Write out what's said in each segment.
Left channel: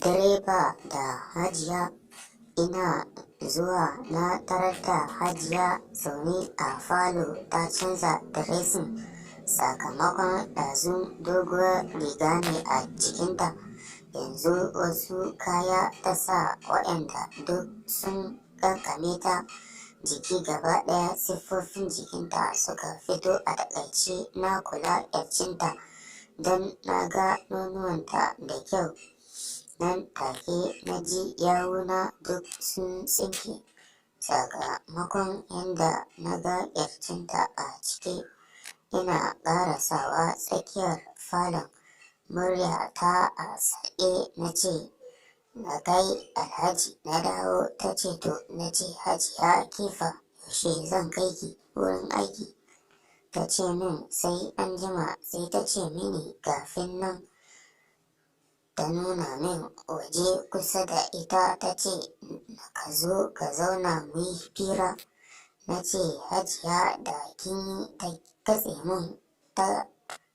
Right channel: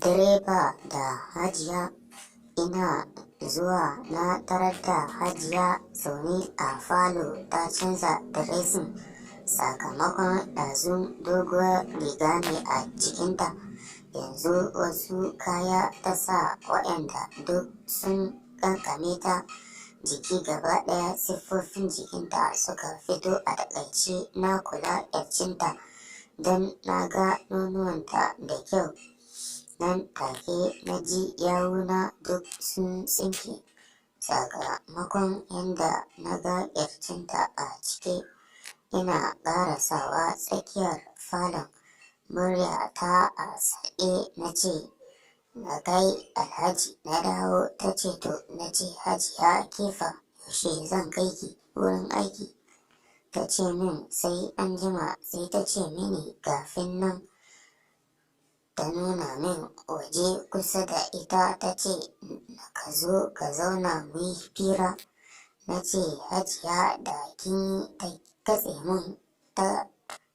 Direba da Hajiya. Ina zuwa na tarar da Hajiya zaune a falo ta canza diresin sakamakon ɗazu doguwar riga ne a jikinta, yanzu wasu kaya ta sa waɗanda duk sun ƙanƙame ta jiki gaba ɗaya. Siffofin jikinta suka fito a taƙaice. Na kula ƙirjinta don na ga nonuwanta da kyau. Nan take na ji yawuna duk sun tsinke sakamakon yadda na ga ƙirjinta a cike. Ina ƙarasawa tsakiyar falon, murya ta a sake na ce, "Na kai Alhaji na dawo." Ta ce, "To." Na ce, "Hajiya kefa, yaushe zan kai ki wurin aiki?" Ta ce min sai anjima. Sai ta ce mini kafin nan ta nuna min waje kusa da ita ta ce, "Ka zo ka zauna muyi fira." Na ce, "Hajiya da kin yi." Ta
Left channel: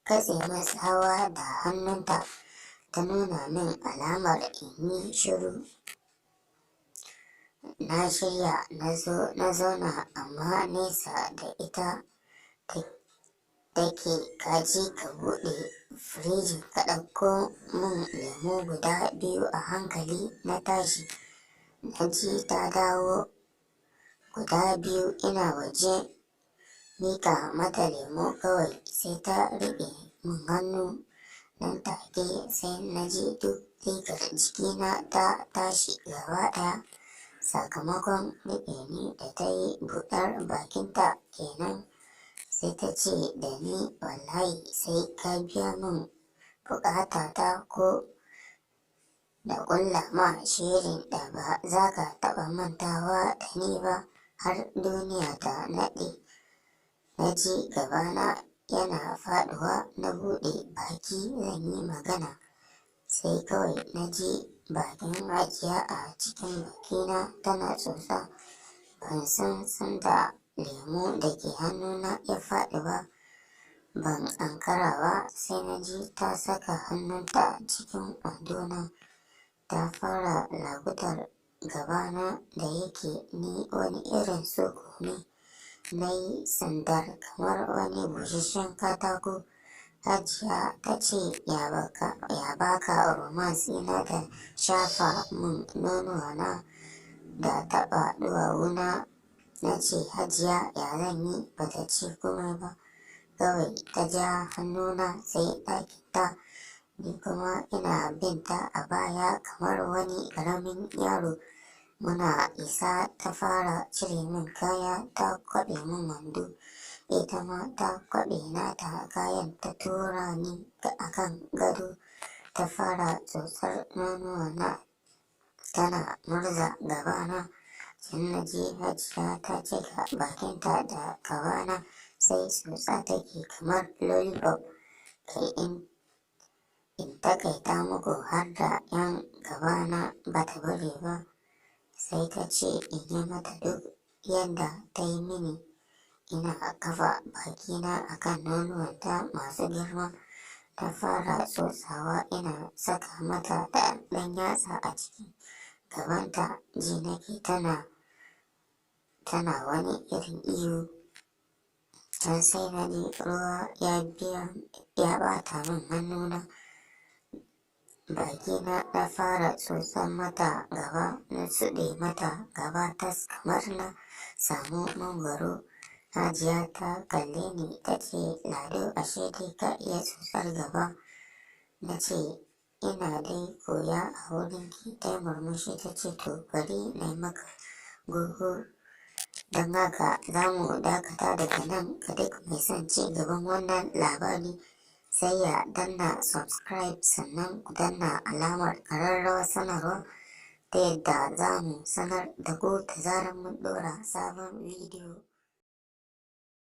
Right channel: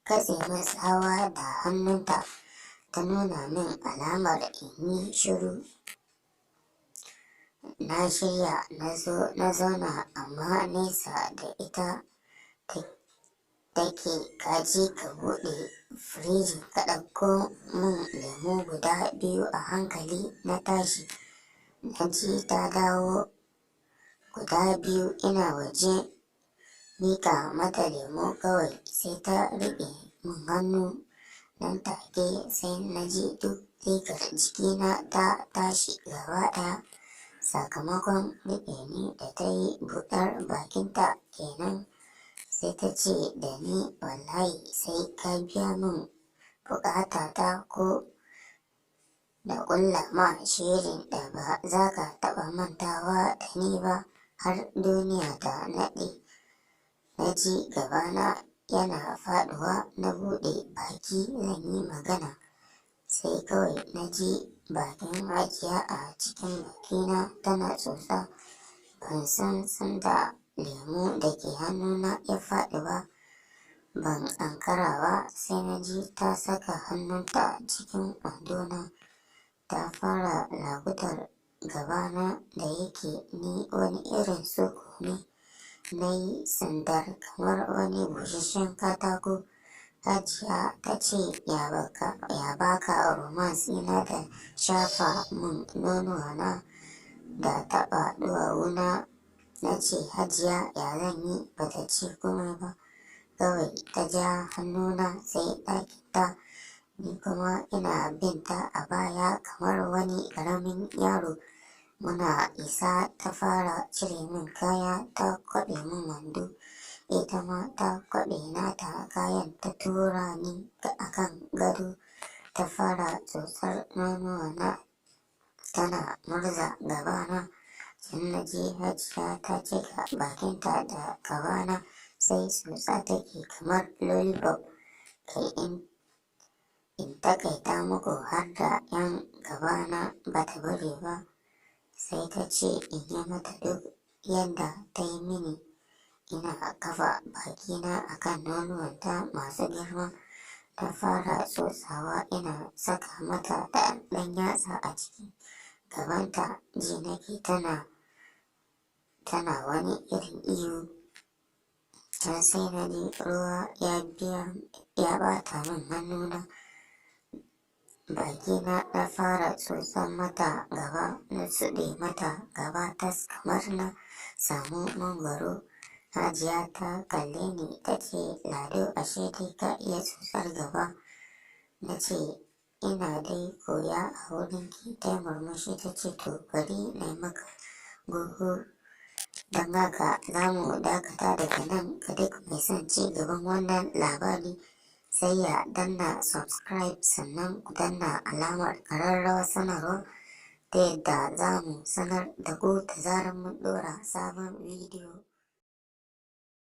katse min tsawa da hannunta ta nuna min alamar in yi shiru. Na shirya na zauna amma nesa da ita take. "Ka je ka buɗe firiji ka ɗauko min lemo guda biyu a hankali." Na tashi na ji ta dawo guda biyu. Ina waje miƙa mata lemo kawai sai ta riƙe min hannu. Nan take sai na ji duk rigar jikina ta tashi gaba ɗaya sakamakon riƙe ni da ta yi. Buɗar bakinta kenan sai ta ce da ni, "Wallahi sai ka biya min buƙatata ko da ƙulla ma shirin da ba za ka taɓa mantawa da ni ba har duniya ta naɗe." Na ji gabana yana faɗuwa. Na buɗe baki zan yi magana sai kawai na ji bakin Hajiya a cikin bakina tana tsotsa. Ban san sanda lemo da ke hannuna ya faɗi ba. Ban ankara ba sai na ji ta saka hannunta cikin wandona ta fara lagutar gabana da yake ni wani irin suku ne. Na yi sandar kamar wani busasshen katako. Hajiya ta ce, "Ya baka romance ina da shafa min nonuwana da taɓa ɗuwawuna." Na ce, "Hajiya ya zan yi?" Ba ta ce komai ba kawai ta ja hannuna sai ɗakinta. Ni kuma ina binta a baya kamar wani ƙaramin yaro. Muna isa ta fara cire min kaya ta kwaɓe min wando. Ita ma ta kwaɓe nata kayan ta tura ni a kan gado ta fara tsotsar nonuwana tana murza gabana. Can na ji Hajiya ta cika bakinta da gabana sai tsotsa take kamar lollipop. Kai in takaita muku har da 'yan gabana ba ta bari ba. Sai ta ce in yi mata duk yadda ta yi mini. Ina kafa bakina a kan nonuwanta masu girma. Ta fara tsotsawa. Ina saka mata da ɗan yatsa a cikin gabanta. Ji nake tana wani irin ihu. Can sai na ji ruwa ya ɓata min hannuna. Bakina na fara tsotsan mata gaba. Na suɗe mata gaba tas kamar na samu mangwaro. Hajiya ta kalle ni ta ce, "Lado ashe dai ka iya tsotsar gaba." Na ce, "Ina dai koya a wurinki." Ta yi murmushi ta ce, "To bari na yi maka goho." Don haka za mu dakata daga nan. Ga duk mai son ci gaban wannan labari sai ya danna subscribe sannan ku danna alamar ƙararrawar sanarwa ta yadda za mu sanar da ku da zarar mun ɗora sabon bidiyo.